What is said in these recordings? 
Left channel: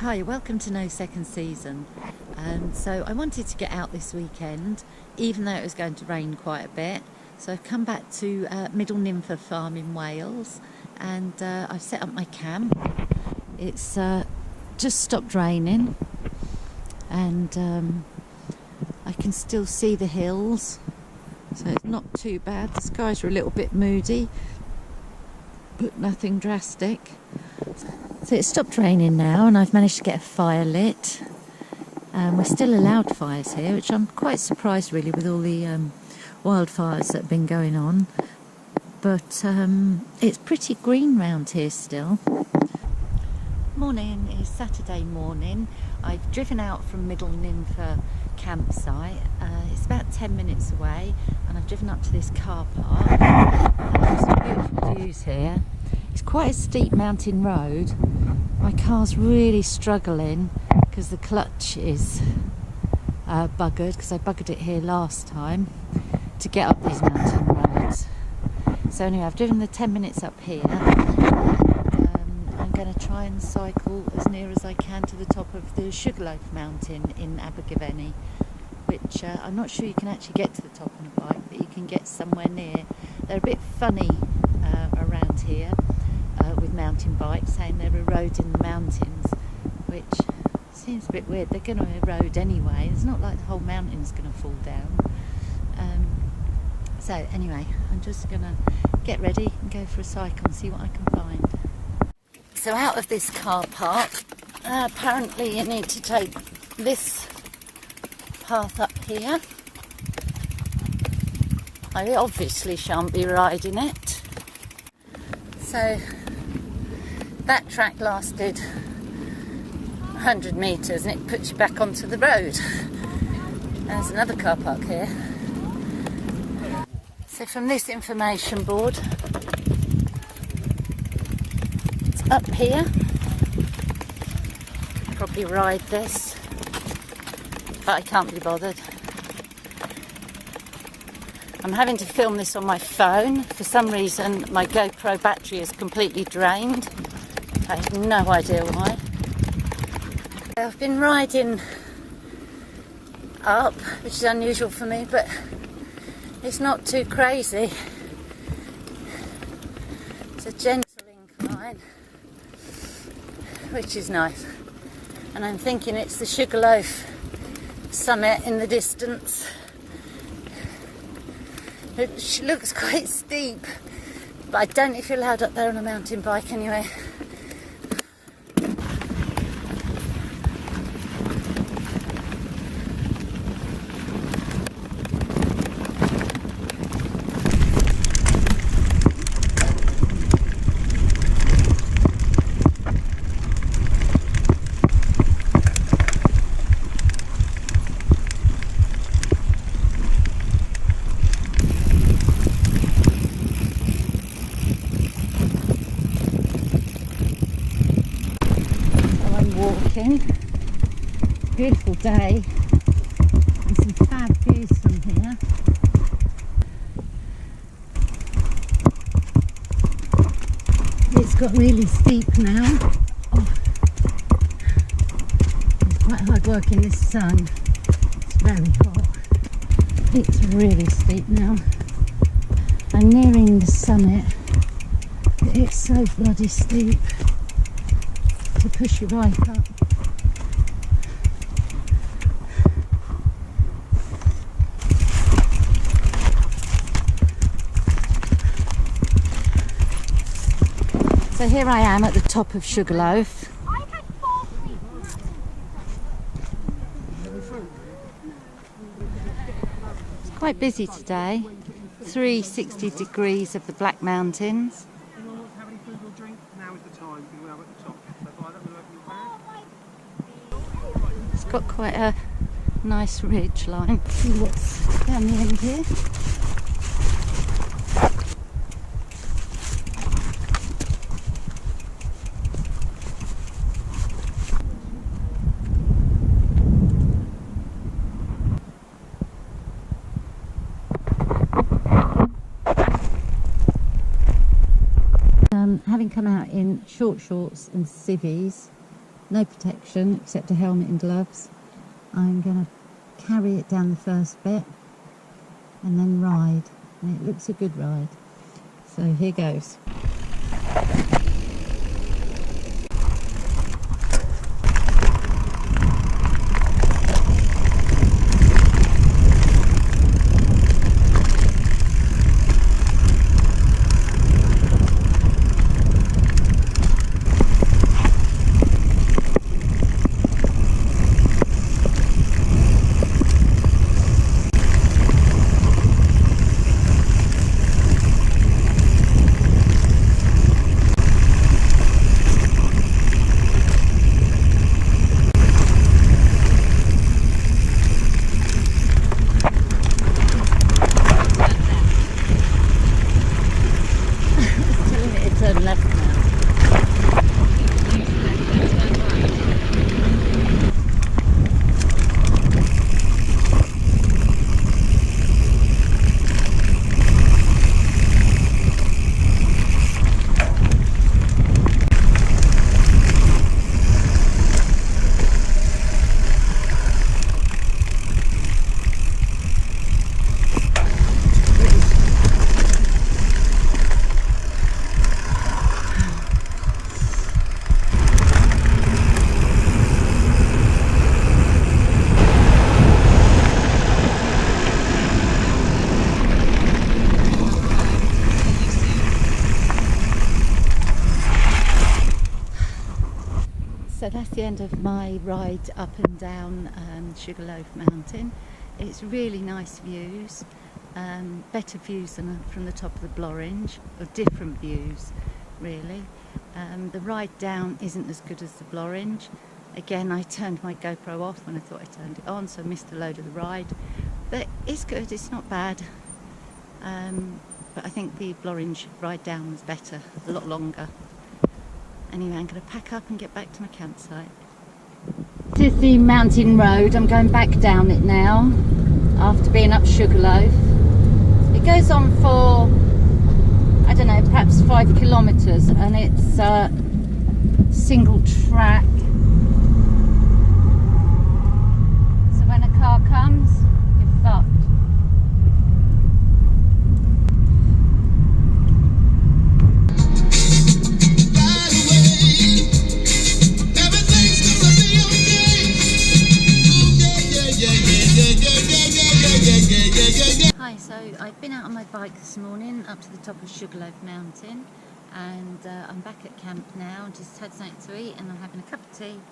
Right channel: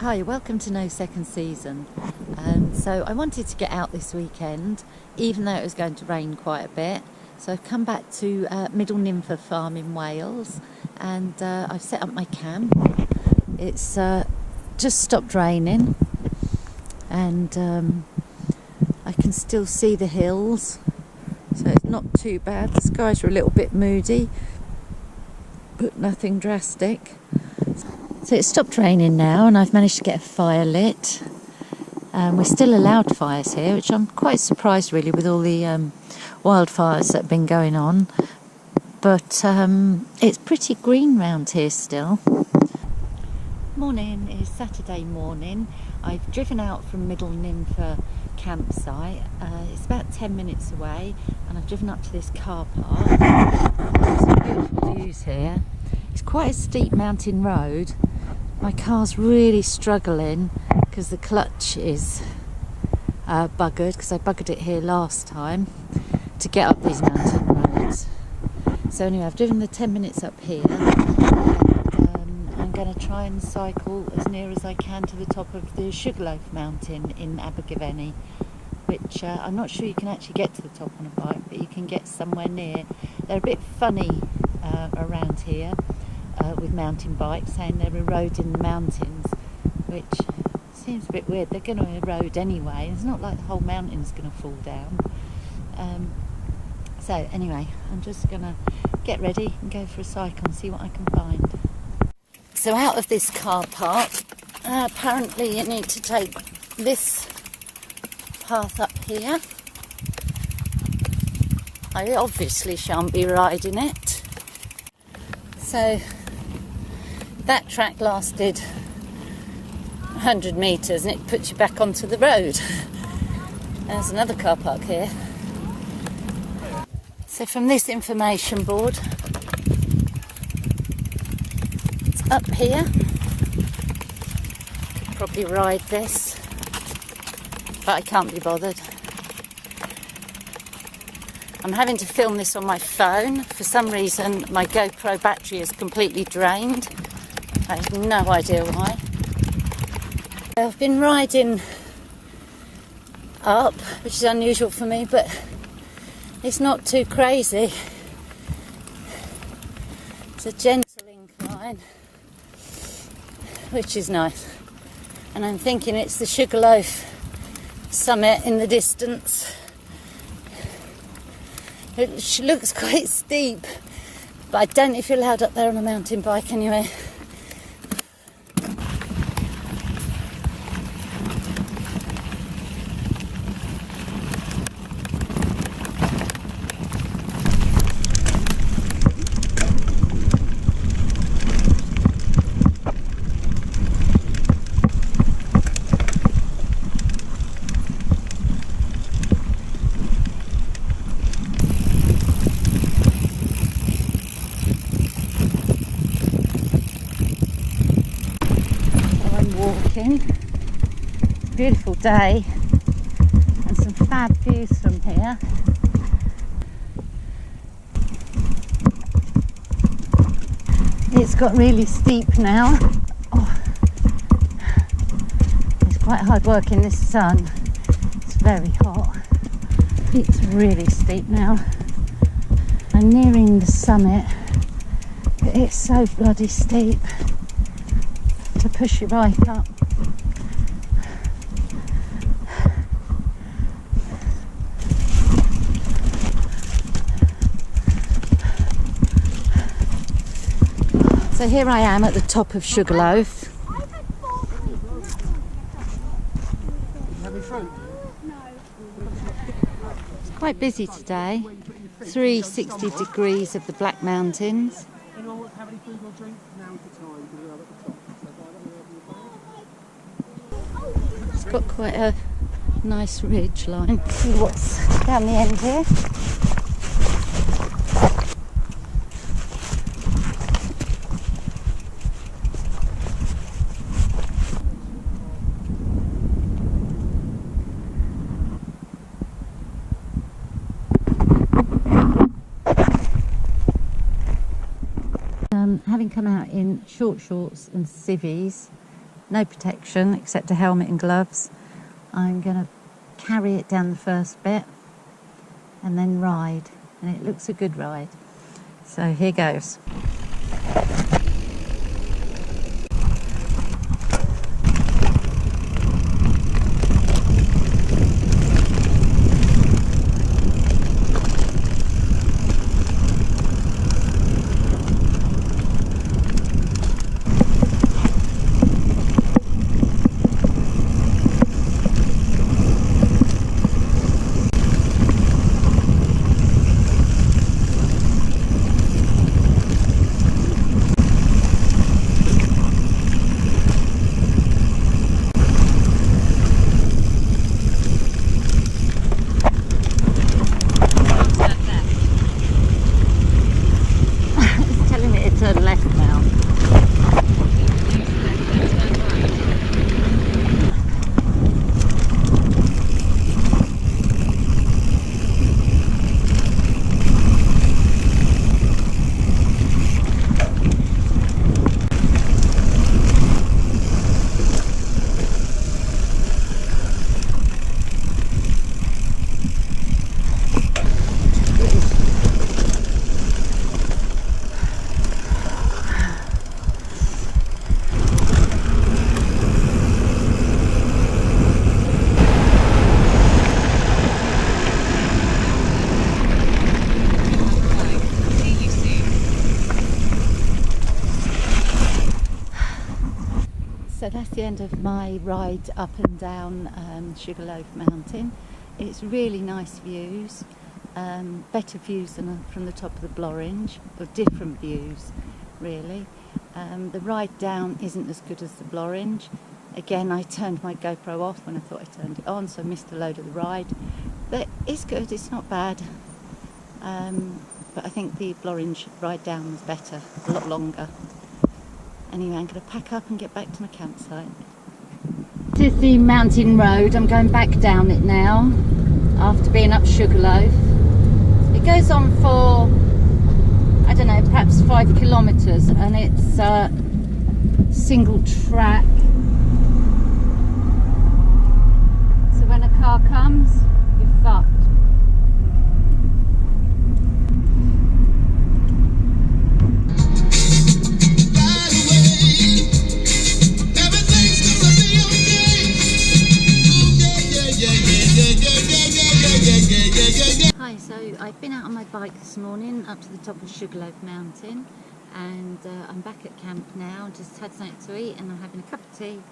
Hi, welcome to No Second Season. So I wanted to get out this weekend, even though it was going to rain quite a bit. So I've come back to Middle Ninfa Farm in Wales, and I've set up my camp. It's just stopped raining, and I can still see the hills, so it's not too bad. The skies are a little bit moody, but nothing drastic. So it's stopped raining now, and I've managed to get a fire lit. We're still allowed fires here, which I'm quite surprised really with all the wildfires that have been going on. But it's pretty green round here still. Morning is Saturday morning. I've driven out from Middle Ninfa campsite. It's about 10 minutes away, and I've driven up to this car park. Some beautiful views here. It's quite a steep mountain road. My car's really struggling because the clutch is buggered, because I buggered it here last time to get up these mountain roads. So anyway, I've driven the 10 minutes up here, and I'm going to try and cycle as near as I can to the top of the Sugarloaf Mountain in Abergavenny, which I'm not sure you can actually get to the top on a bike, but you can get somewhere near. They're a bit funny around here with mountain bikes, saying they're eroding the mountains, which seems a bit weird. They're going to erode anyway. It's not like the whole mountain's going to fall down. So anyway, I'm just going to get ready and go for a cycle and see what I can find. So out of this car park, apparently you need to take this path up here. I obviously shan't be riding it. So that track lasted 100 metres and it puts you back onto the road. There's another car park here. So from this information board, it's up here. Could probably ride this, but I can't be bothered. I'm having to film this on my phone. For some reason my GoPro battery is completely drained. I have no idea why. I've been riding up, which is unusual for me, but it's not too crazy. It's a gentle incline, which is nice. And I'm thinking it's the Sugarloaf summit in the distance. It looks quite steep, but I don't know if you're allowed up there on a mountain bike anyway. Walking. It's a beautiful day and some fab views from here. It's got really steep now. Oh. It's quite hard work in this sun. It's very hot. It's really steep now. I'm nearing the summit, but it's so bloody steep to push your bike up. So here I am at the top of Sugarloaf. It's quite busy today. 360 degrees of the Black Mountains. Anyone wants to have any food or drink? Now is the time because we are at the top. So if I don't want to open your bag. It's got quite a nice ridge line. See what's down the end here. Having come out in short shorts and civvies, no protection except a helmet and gloves. I'm going to carry it down the first bit and then ride, and it looks a good ride. So here goes. Turn left now. So that's the end of my ride up and down Sugarloaf Mountain. It's really nice views, better views than from the top of the Blorange, or different views really. The ride down isn't as good as the Blorange. Again, I turned my GoPro off when I thought I turned it on, so I missed a load of the ride. But it's good, it's not bad. But I think the Blorange ride down was better, a lot longer. Anyway, I'm going to pack up and get back to my campsite. This is the mountain road. I'm going back down it now after being up Sugarloaf. It goes on for, I don't know, perhaps 5 kilometres, and it's single track. So when a car comes, you're fucked. Hi, so I've been out on my bike this morning up to the top of Sugarloaf Mountain, and I'm back at camp now. Just had something to eat and I'm having a cup of tea,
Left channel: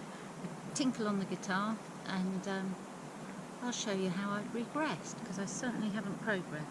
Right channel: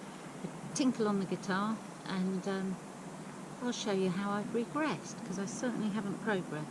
a tinkle on the guitar, and I'll show you how I've regressed, because I certainly haven't progressed.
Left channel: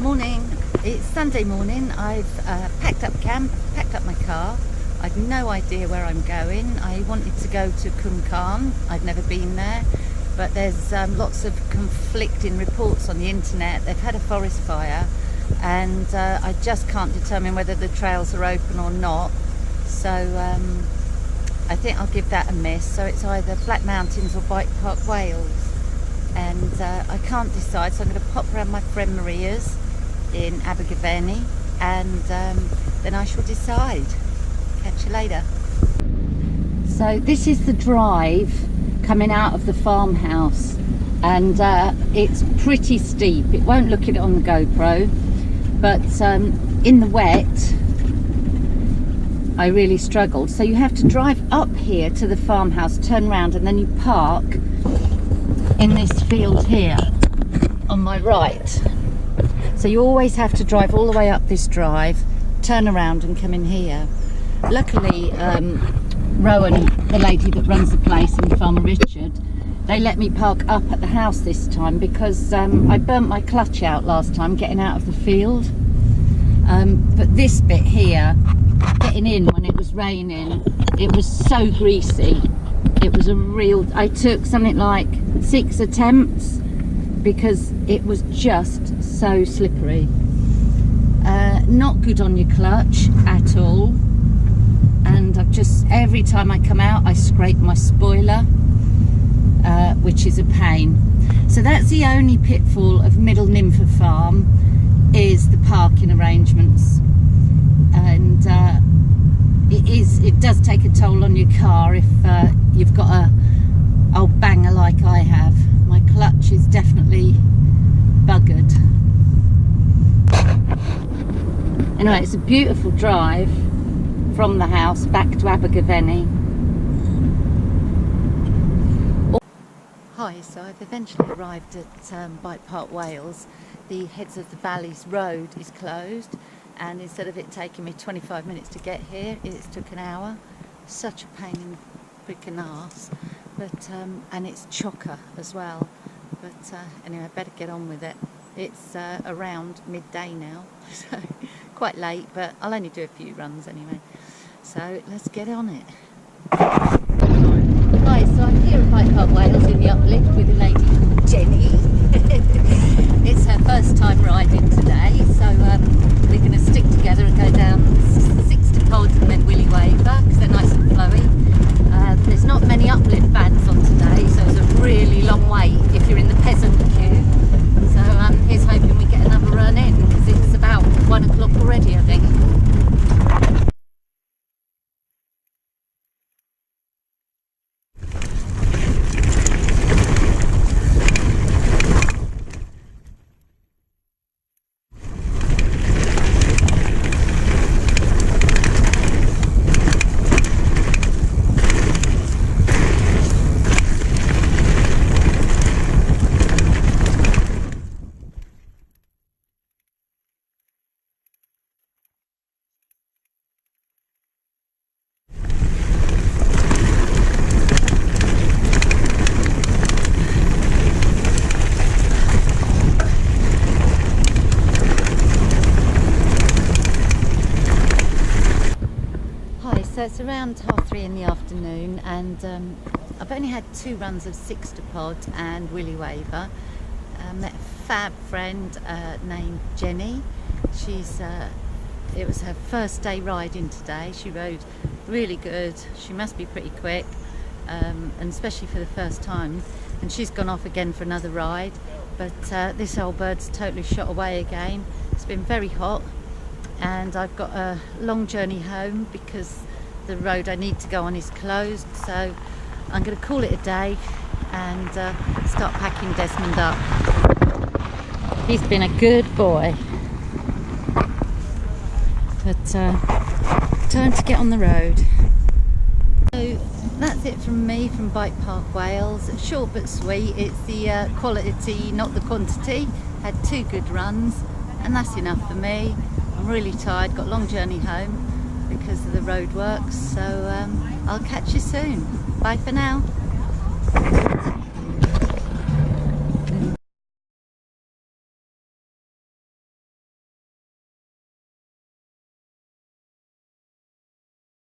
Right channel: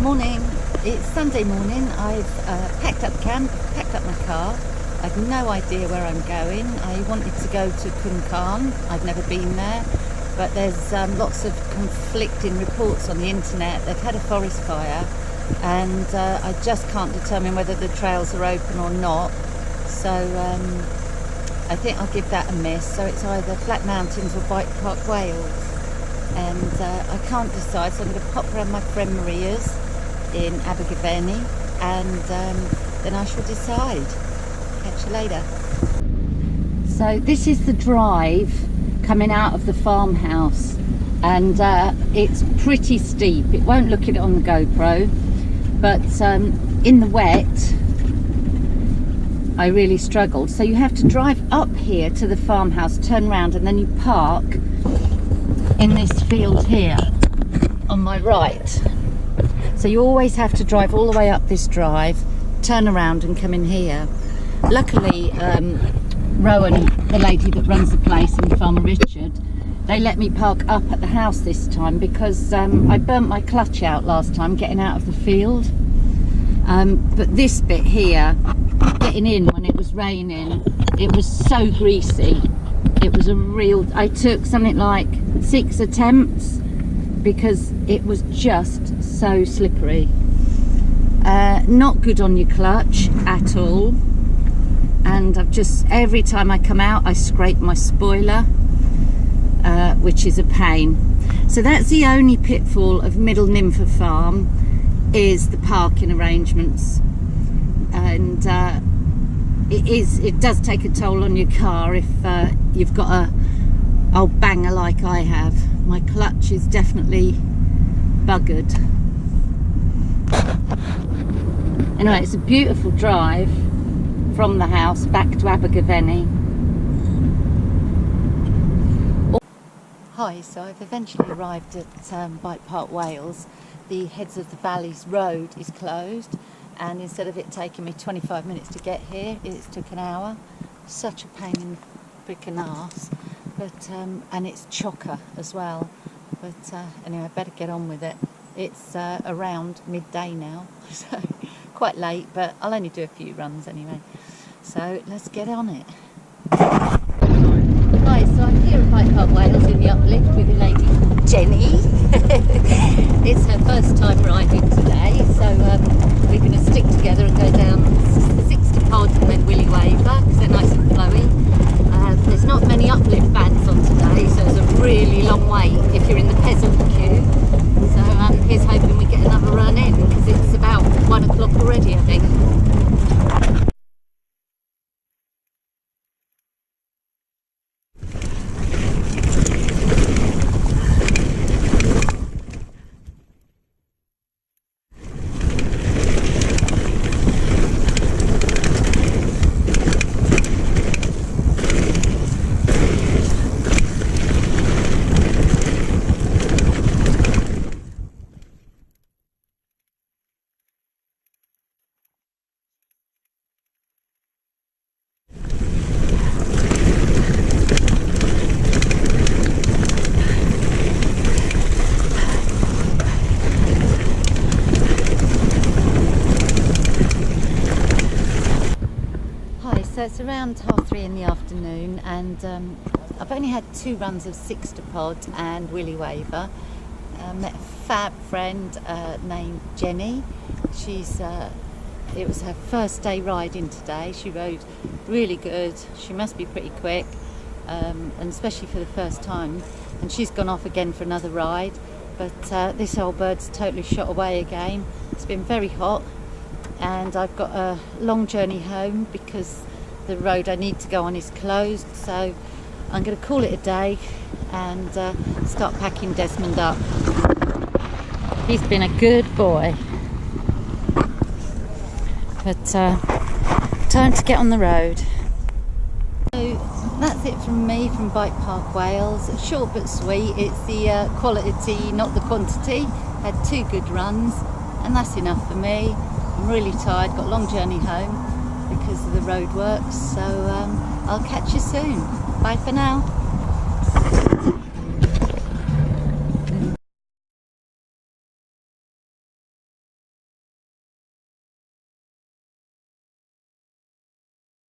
Morning, it's Sunday morning. I've packed up camp, packed up my car. I've no idea where I'm going. I wanted to go to Kunkan. I've never been there, but there's lots of conflicting reports on the internet. They've had a forest fire, and I just can't determine whether the trails are open or not. So I think I'll give that a miss. So it's either Flat Mountains or Bike Park Wales, and I can't decide. So I'm going to pop around my friend Maria's in Abergavenny, and then I shall decide. Catch you later. So this is the drive coming out of the farmhouse, and it's pretty steep. It won't look it on the GoPro, but in the wet I really struggled. So you have to drive up here to the farmhouse, turn around, and then you park in this field here on my right. So you always have to drive all the way up this drive, turn around and come in here. Luckily Rowan, the lady that runs the place, and Farmer Richard, they let me park up at the house this time, because I burnt my clutch out last time getting out of the field. But this bit here, getting in when it was raining, it was so greasy. It was a real, I took something like 6 attempts because it was just so slippery. Not good on your clutch at all. And I've just, every time I come out, I scrape my spoiler, which is a pain. So that's the only pitfall of Middle Ninfa Farm, is the parking arrangements. And it does take a toll on your car if you've got a old banger like I have. My clutch is definitely buggered. Anyway, it's a beautiful drive from the house back to Abergavenny. Hi, so I've eventually arrived at Bike Park Wales. The Heads of the Valleys road is closed, and instead of it taking me 25 minutes to get here, it's took an hour. Such a pain in the frickin' arse, but and it's chocker as well. But anyway, I better get on with it. It's around midday now, so quite late, but I'll only do a few runs anyway. So let's get on it. Right, so I'm here at Bike Park Wales in the uplift with a lady called Jenny. It's her first time riding today, so we're going to stick together and go down Sixtapod and then Willy Waver, because they're nice and flowy. There's not many uplift vans on today, so it's a really long wait if you're in the peasant queue. So here's hoping we get another run in, because it's about 1 o'clock already, I think. So it's around 3:30 in the afternoon, and I've only had 2 runs of Sixtapod and Willy Waver. Met a fab friend named Jenny. It was her first day riding today. She rode really good. She must be pretty quick, and especially for the first time. And she's gone off again for another ride, but this old bird's totally shot away again. It's been very hot, and I've got a long journey home because the road I need to go on is closed. So I'm going to call it a day and start packing Desmond up. He's been a good boy, but time to get on the road. So that's it from me from Bike Park Wales. Short but sweet. It's the quality, not the quantity. Had 2 good runs, and that's enough for me. I'm really tired, got a long journey home because of the road works, so I'll catch you soon. Bye for now.